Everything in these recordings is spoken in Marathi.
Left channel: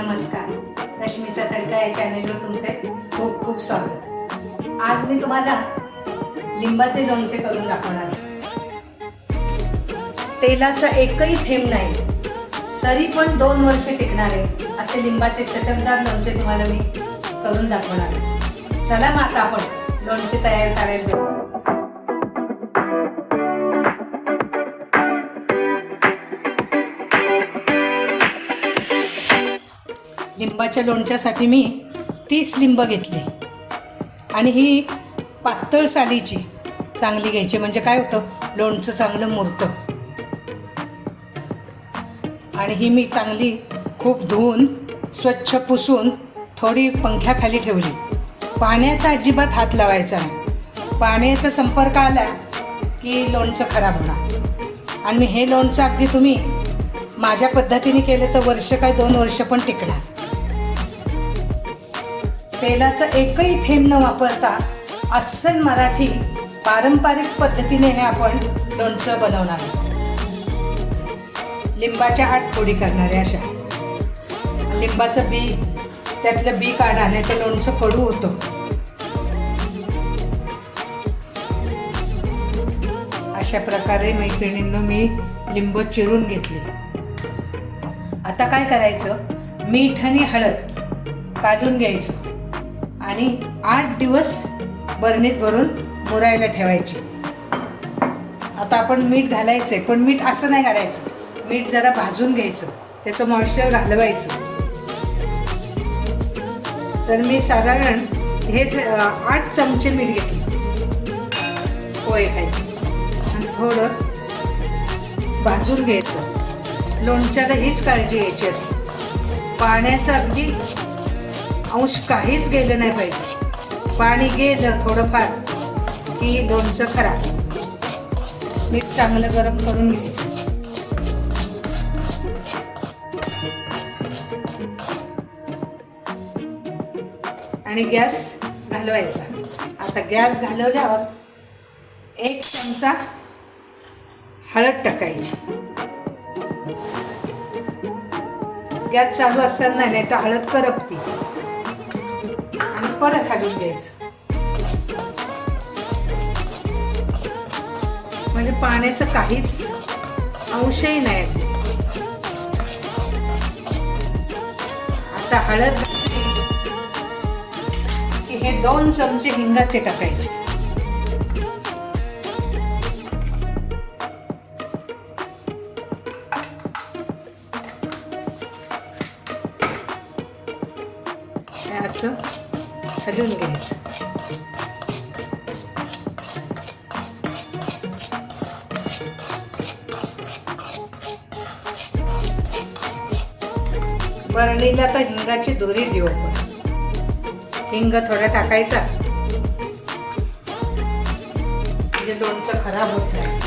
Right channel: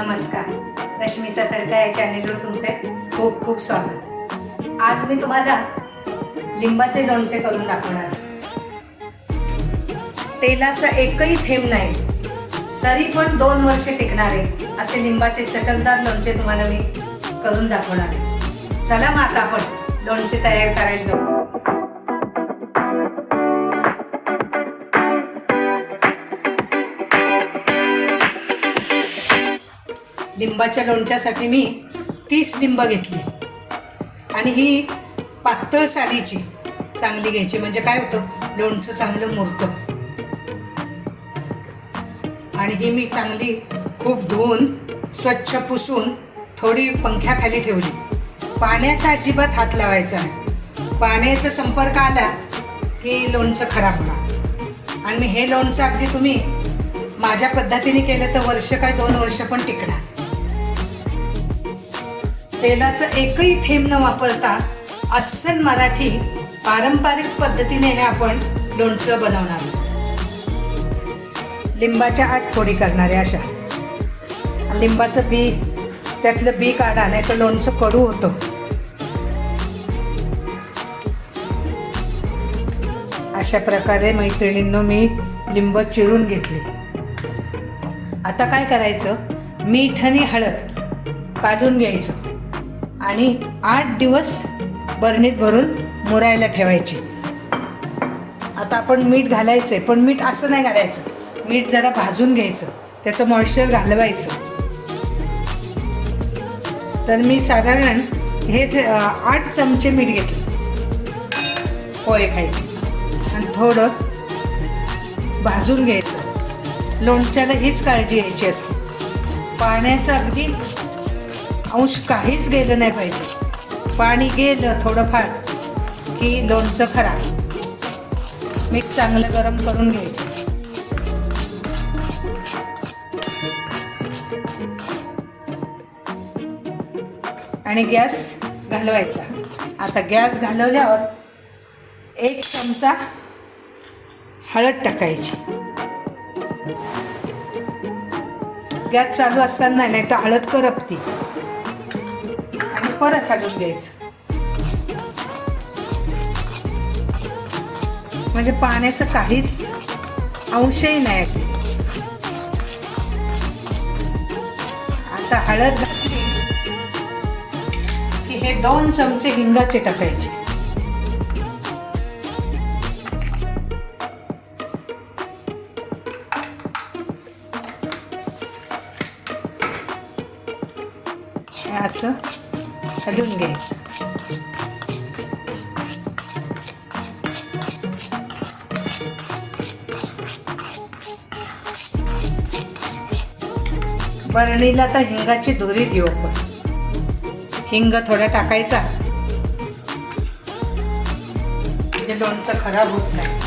नमस्कार. रश्मीचा तडका या चॅनेलवर तुमचे खूप खूप स्वागत. आज मी तुम्हाला लिंबाचे लोणचे करून दाखवणार तेलाचा एकही थेंब नाही. तरी पण दोन वर्षे टिकणारे असे लिंबाचे चटकदार लोणचे तुम्हाला मी करून दाखवणार चला मग आता आपण लोणचे तयार करायला जाऊ. लिंबाच्या लोणच्यासाठी मी तीस लिंब घेतली. आणि ही पातळ सालीची चांगली घ्यायची. म्हणजे काय होतं? लोणचं चांगलं मुरतं. आणि ही मी चांगली खूप धुवून स्वच्छ पुसून थोडी पंख्याखाली ठेवली. पाण्याचा अजिबात हात लावायचा नाही. पाण्याचा संपर्क आला की लोणचं खराब होणार. आणि हे लोणचं अगदी तुम्ही माझ्या पद्धतीने केलं तर वर्ष काय दोन वर्ष पण टिकणार. तेलाचा एकही थेंब न वापरता अस्सल मराठी पारंपरिक पद्धतीने हे आपण लोणचं बनवणार आहोत. लिंबाच्या आठ फोडी करणारे अशा. लिंबाचं बी त्यातलं बी काढा नाही ते लोणचं कडू होतं. अशा प्रकारे मैत्रिणींनो मी लिंब चिरून घेतले. आता काय करायचं? मीठ आणि हळद काढून घ्यायचं. आणि आठ दिवस बरणीत भरून मुरायला ठेवायचे. आता आपण मीठ घालायचंय पण मीठ असं नाही घालायचं. मीठ जरा भाजून घ्यायचं त्याचं मॉइश्चर घालवायचं. तर मी साधारण हे आठ चमचे मीठ घेतले. पोहे खायचे. आणि थोडं भाजून घ्यायचं. लोणच्याला हीच काळजी घ्यायची असते. पाण्याचं अगदी अंश काहीच गेलं नाही पाहिजे. पाणी गेलं थोडंफार की लोणचं खराब. मीठ चांगलं गरम करून घ्यायचं. आणि गॅस घालवायचा. आता गॅस घालवल्यावर एक चमचा हळद टाकायची. गॅस चालू असताना नाही तर हळद करपती. परत हलवून घ्यायचं. म्हणजे पाण्याचं काहीच अंशही नाही. आता हळद की हे दोन चमचे हिंगाचे टाकायचे. हलवून घ्यायचं बरणीला तर हिंगाची दोरी देऊ आपण. हिंग थोडा टाकायचा. म्हणजे लोणचं खराब होत नाही.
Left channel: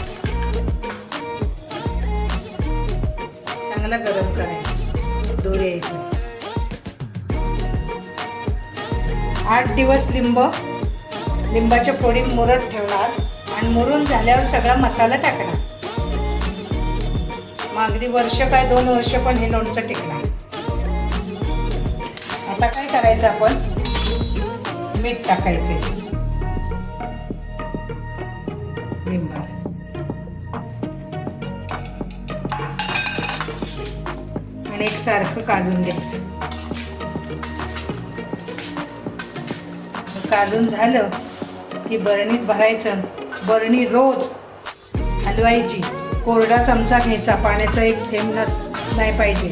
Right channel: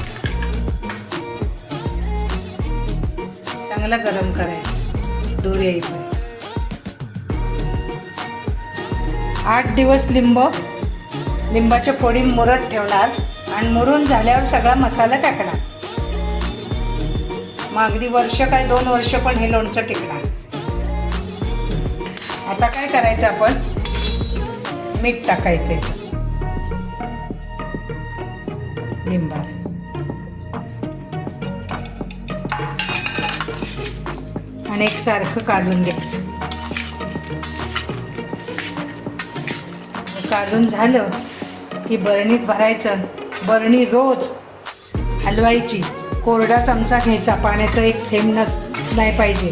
चांगला गरम करायचं. दोरी यायची आठ दिवस लिंब लिंबाच्या फोडी मुरत ठेवणार आणि मुरून झाल्यावर सगळा मसाला टाकणार. मग अगदी वर्ष काय दोन वर्ष पण हे लोणचं टिकणार. आता काय करायचं आपण? मीठ टाकायचे. लिंबा. आणि एकसारखं काढून घ्यायचं. काढून झालं की बरणीत भरायचं. बरणी रोज हलवायची. कोरडा चमचा घ्यायचा. पाण्याचा एक थेंब नस नाही पाहिजे.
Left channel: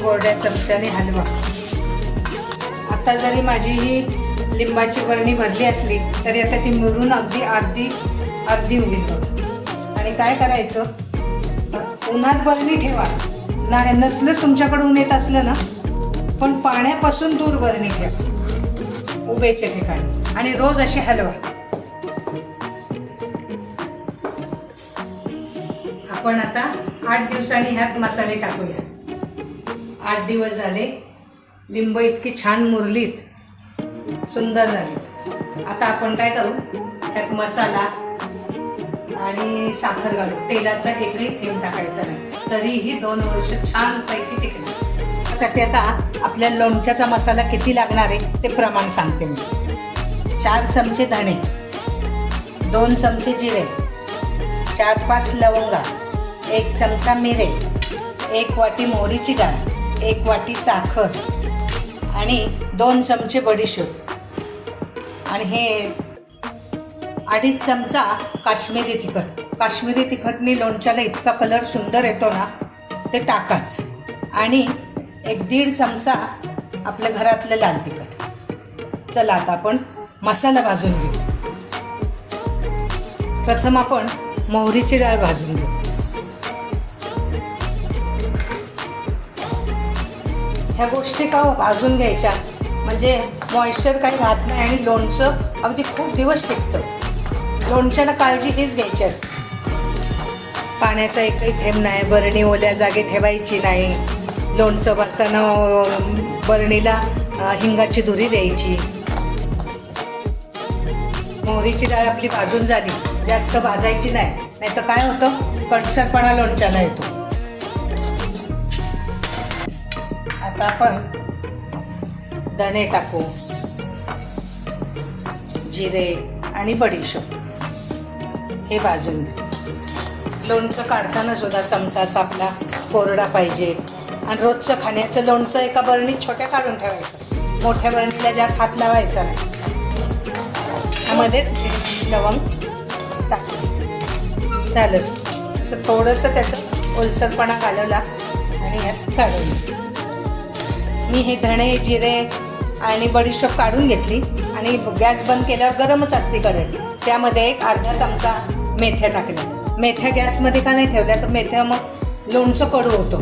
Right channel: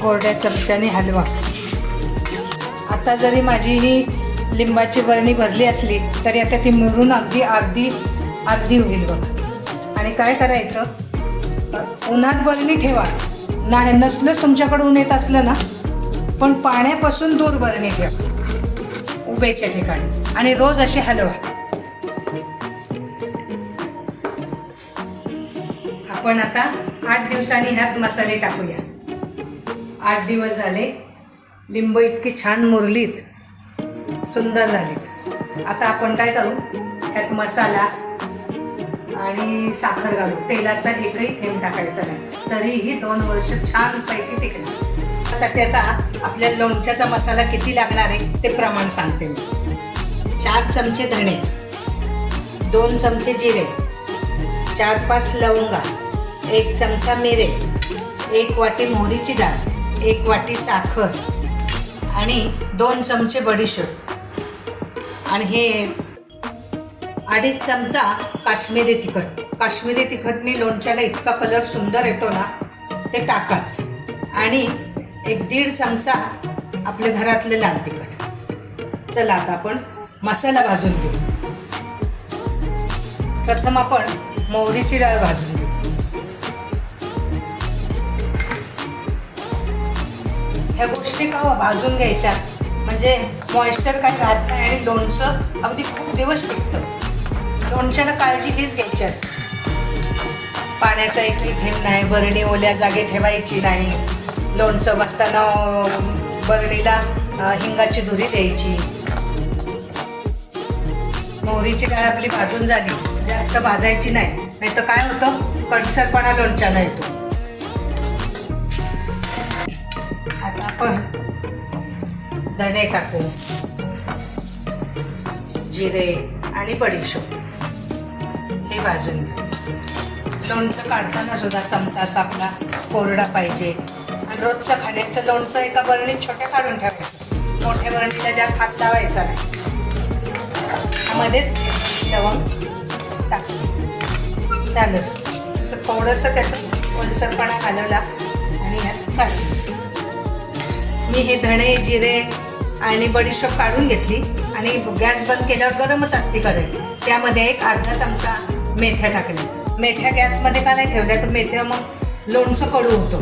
कोरड्या चमच्याने हलवा. आता जरी माझी ही लिंबाची बरणी भरली असली तरी आता ती मुरून अगदी अर्धी अर्धी होईल बघ. आणि काय करायचं? उन्हात बरणी ठेवा. नाही नसलंच तुमच्याकडे ऊन येत असलं ना पण पाण्यापासून दूर वर निघूया. उभेच्या ठिकाणी. आणि रोज असे हलवा. आपण आता आठ दिवसांनी ह्यात मसाले टाकूया. आठ दिवस झाले लिंब इतकी छान मुरलीत सुंदर झालीत. आता आपण काय करू? त्यात मसाला आणि साखर घालू. तेलाचा एकही थेंब टाकायचा नाही. तरीही दोन वर्ष छानपैकी टिकणार त्यासाठी आता आपल्या लोणच्याचा मसाला किती लागणार आहे ते प्रमाण सांगते मी. चार चमचे धणे दोन चमचे जिरे चार पाच लवंगा एक चमचा मिरे एक वाटी मोहरीची डाळ एक वाटी साखर आणि दोन चमचे बडीशेप. आणि हे अडीच चमचा काश्मीरी तिखट. काश्मीरी तिखटनी लोणच्याला इतका कलर सुंदर येतो ना ते टाकाच. आणि एक दीड चमचा आपल्या घरातलं लाल तिखट. चला आता आपण मसाला भाजून घेऊ. प्रथम आपण मोहरीची डाळ भाजून घेऊ. ह्या गोष्टी का भाजून घ्यायच्या? म्हणजे मॉइश्चर काही राहत नाही आणि लोणचं अगदी खूप दिवस टिकतं. लोणच्याला काळजी हीच घ्यायची असते. पाण्याचा एकही थेंब नाही बरणी ओल्या जागे ठेवायची नाही. लोणचं बसताना बरणीला हिंगाची धुरी द्यायची. मोहरीची डाळ आपली भाजून झाली. जास्त भाजायची नाही. नाही तर काय होतं? कडसरपणा लोणच्याला येतो. आता आपण दणे टाकू. जिरे आणि बडीशेप. हे भाजून लोणचं काढताना सुद्धा चमचा असा आपला कोरडा पाहिजे. आणि रोजच्या खाण्याचं लोणचं एका बरणीत छोट्या काढून ठेवायचं. मोठ्या बरणीला जास्त हात लावायचा नाही. त्यामध्येच लवंग टाकलं झालं. असं थोडंसं त्याचं ओलसरपणा घालवला आणि ह्यात काढून मी हे धणे जिरे आणि बडीशेप काढून घेतली. आणि गॅस बंद केल्यावर गरमच असते कढई त्यामध्ये एक अर्धा चमचा मेथ्या टाकली. मेथ्या गॅसमध्ये का नाही ठेवल्या तर मेथ्या मग लोणचं कडू होतो.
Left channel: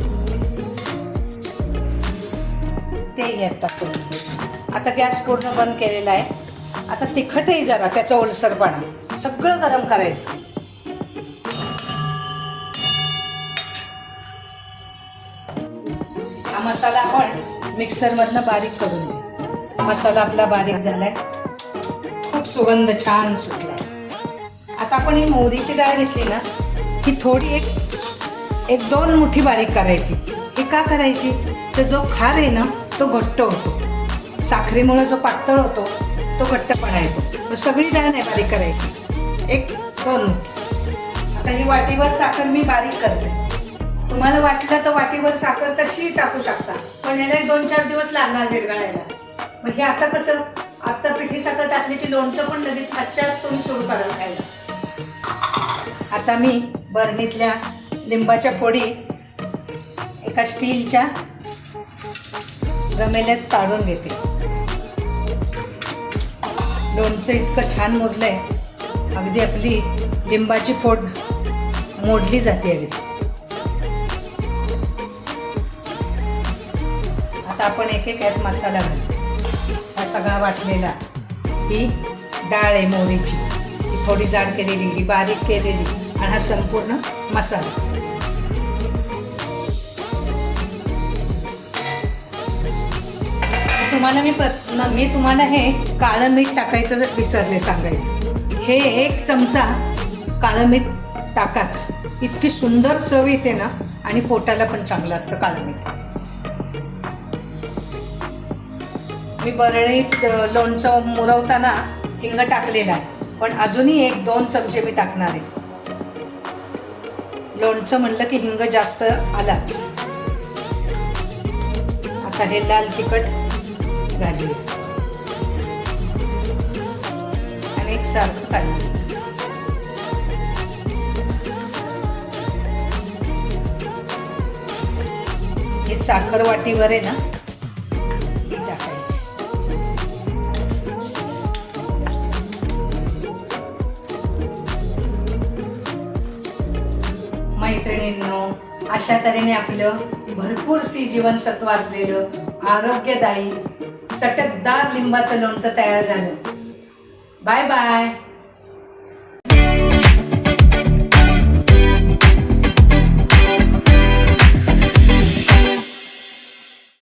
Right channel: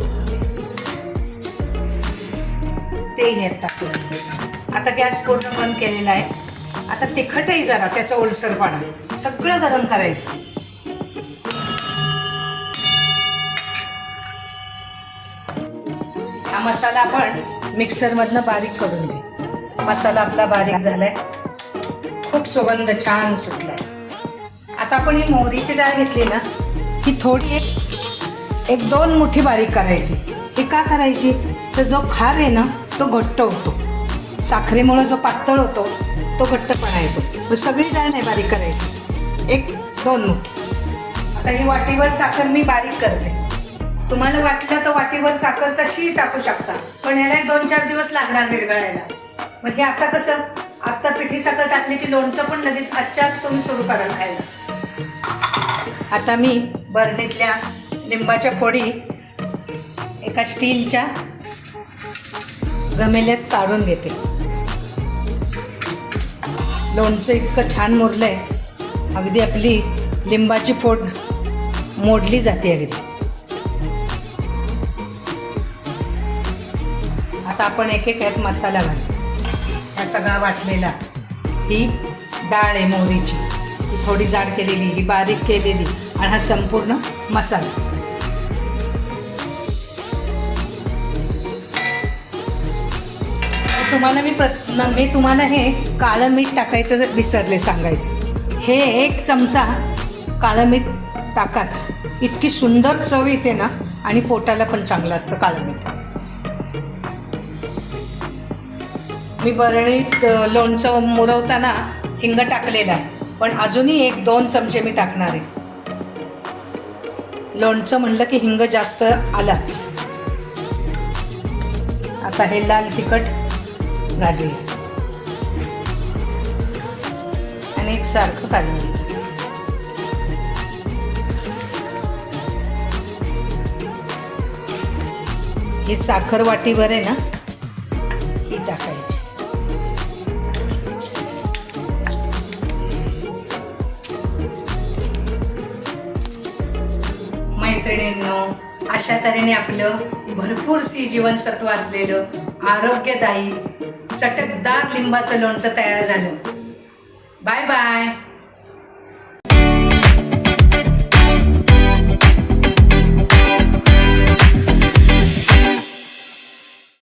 ते ह्यात टाकलं आता गॅस पूर्ण बंद केलेला आहे. आता तिखटही जरा त्याचा ओलसरपणा. सगळं गरम करायचं. हा मसाला आपण मिक्सरमधनं बारीक करून घेऊ. मसाला आपला बारीक झालाय. खूप सुगंध छान सुटलाय. आता आपण ही मोहरीची डाळ घेतली ना ही थोडी एक एक दोन मुठी बारीक करायची. ते का करायची? तर जो खार आहे ना तो घट्ट होतो. साखरेमुळं जो पातळ होतो तो घट्टपणा येतो. तो सगळी डाळ नाही बारीक करायची. एक दोन मुठी. आता ही वाटीवर साखर मी बारीक करते. तुम्हाला वाटलं तर वाटीवर साखर तशी टाकू शकता पण याला दोन चार दिवस लागणार विरघळायला. मग हे आता कसं? आत्ता पिठी साखर टाकली की लोणचं पण लगेच आजच्याच तुम्ही सुरू कराल खायला. आता मी बरणीतल्या लिंबाच्या फोडी एका स्टीलच्या गमेल्यात काढून घेते. लोणचं इतकं छान मुरलंय अगदी आपली लिंबाची फोड मोडली जाते अगदी. आता आपण एक एक यात मसाला घालू. हा सगळा वाटलेला ही डाळ आहे मोहरीची. थोडी जाड केलेली ही बारीक केलेली आणि हा संपूर्ण मसाला. तुम्हाला मी प्रत मी तुम्हाला हे काळं मीठ टाकायचं जर विसरले सांगायचं. हे एक चमचा काळं मीठ टाकाच. इतकी सुंदर चव येते ना आणि पोटाला पण चांगलं असतं काळं मीठ. मी बरणीत लोणचं मुरवताना हिंग टाकलेला आहे. पण अजूनही एक दोन चमचे मी टाकणार आहे. लोणचं म्हणलं की हिंग जास्त आलाच. आता हे लाल तिखट घालूया. आणि एक सारखं काढलं ही साखर वाटीवर आहे ना अशा तऱ्हेने आपलं भरपूर सी जीवनसत्व असलेलं आरोग्यदायी चटकदार लिंबाचं लोणचं तयार झालं. Bye bye.